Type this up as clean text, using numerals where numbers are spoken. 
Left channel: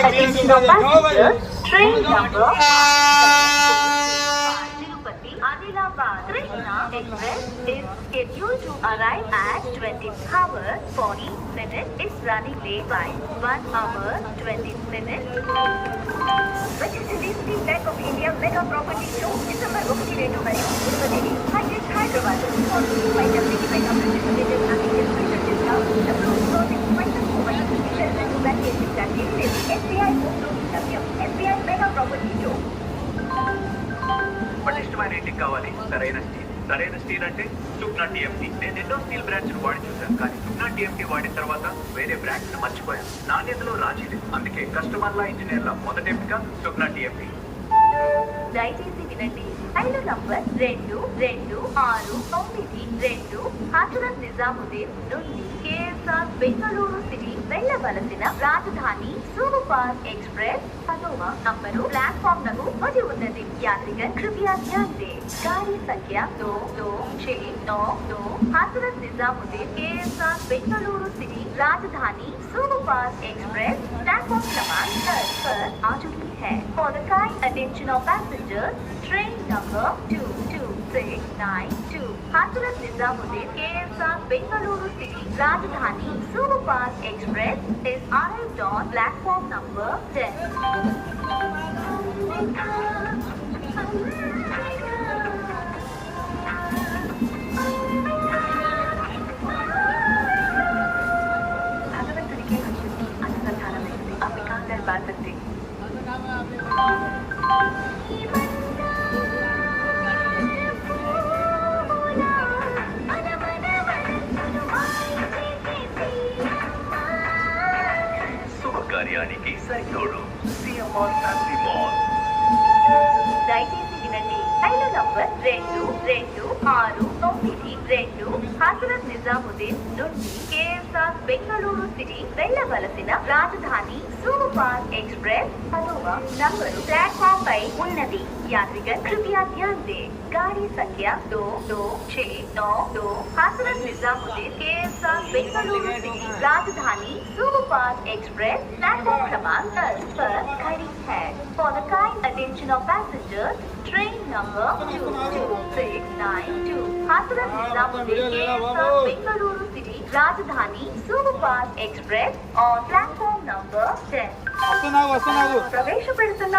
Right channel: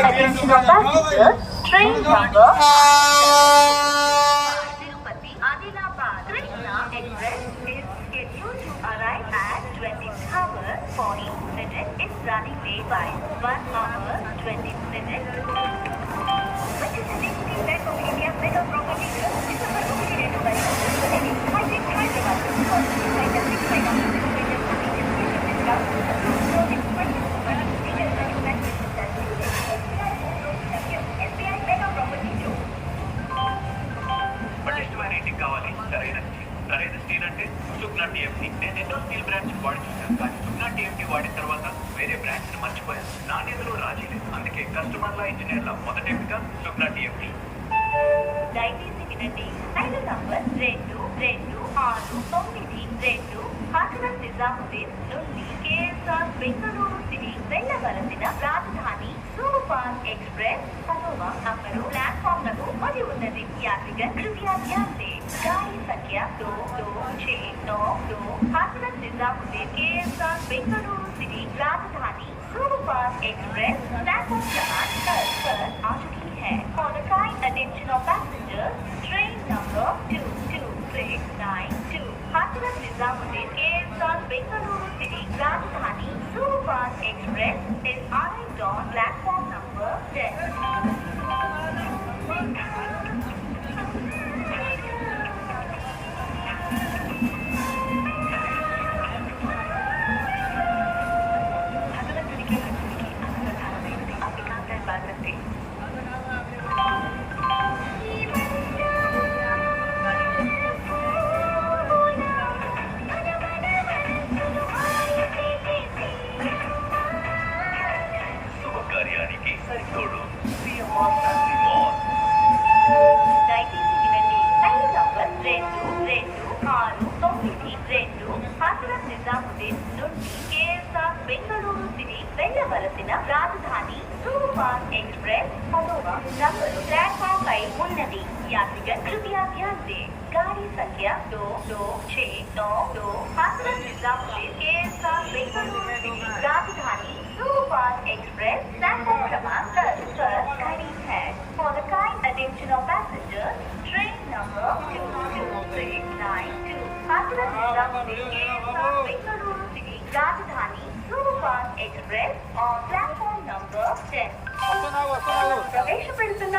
attention of passengers, train number Tirupati Adilabad Krishna Express is scheduled to arrive at 20 hours 40 minutes. Is running late by 1 hour 20 minutes. This is the Disney Bank of India Mega Property Loan located by పటిష్టమైన రేటింగ్ కావాలి. సరైన స్టీల్ అంటే సుప్నా టీఎంటీ. నేను ఎన్నో steel brands వాడి చూశాను, కానీ సుప్నా టీఎంటీ వాడిన తర్వాత వేరే బ్రాండ్స్ మర్చిపోయాను. నాణ్యతలో రాజీ లేదు. అందుకే కస్టమర్ల ఇంజనీర్ల మొదటి ఎంపిక సుప్నా టీఎంటీ. దయచేసి వినండి. రైలు నంబర్ 2269 హజరత్ నిజాముద్దీన్ నుండి K.S.R బెంగళూరు సిటీ వెళ్ళవలసిన రాజధాని సూపర్ एक्सप्रेस 10వ నంబరు ప్లాట్ఫామ్ లకు వచ్చి ఉన్నది. यात्रीगण कृपया ध्यान दें. गाड़ी संख्या 2269 हजरत निजामुद्दीन K.S.R बेंगलुरु सिटी राजधानी सुपर एक्सप्रेस प्लेटफॉर्म क्रमांक 10 पर आ चुकी है. For the kind attention of passengers, train number 22692 हजरत निजामुद्दीन K.S.R बेंगलुरु सिटी राजधानी super express is arrived on platform number 10. కార్యానికి సరితోడు దయచేసి వినండి. రైలు నంబర్ 2269 హజరత్ నిజాముద్దీన్ నుండి K.S.R బెంగళూరు సిటీ వెళ్ళవలసిన రాజధాని సూపర్ एक्सप्रेस 10వ నంబరు ప్లాట్ఫామ్ పై ఉన్నది. यात्रीगण कृपया ध्यान दें. गाड़ी संख्या 2269 हजरत निजामुद्दीन K.S.R बेंगलुरु सिटी राजधानी सुपर एक्सप्रेस प्लेटफॉर्म क्रमांक 10 पर खड़ी है. For the kind attention of passengers, train number 22692 हजरत निजामुद्दीन K.S.R बेंगलुरु सिटी राजधानी super express on platform number 10. प्रवेश पेడుతున్న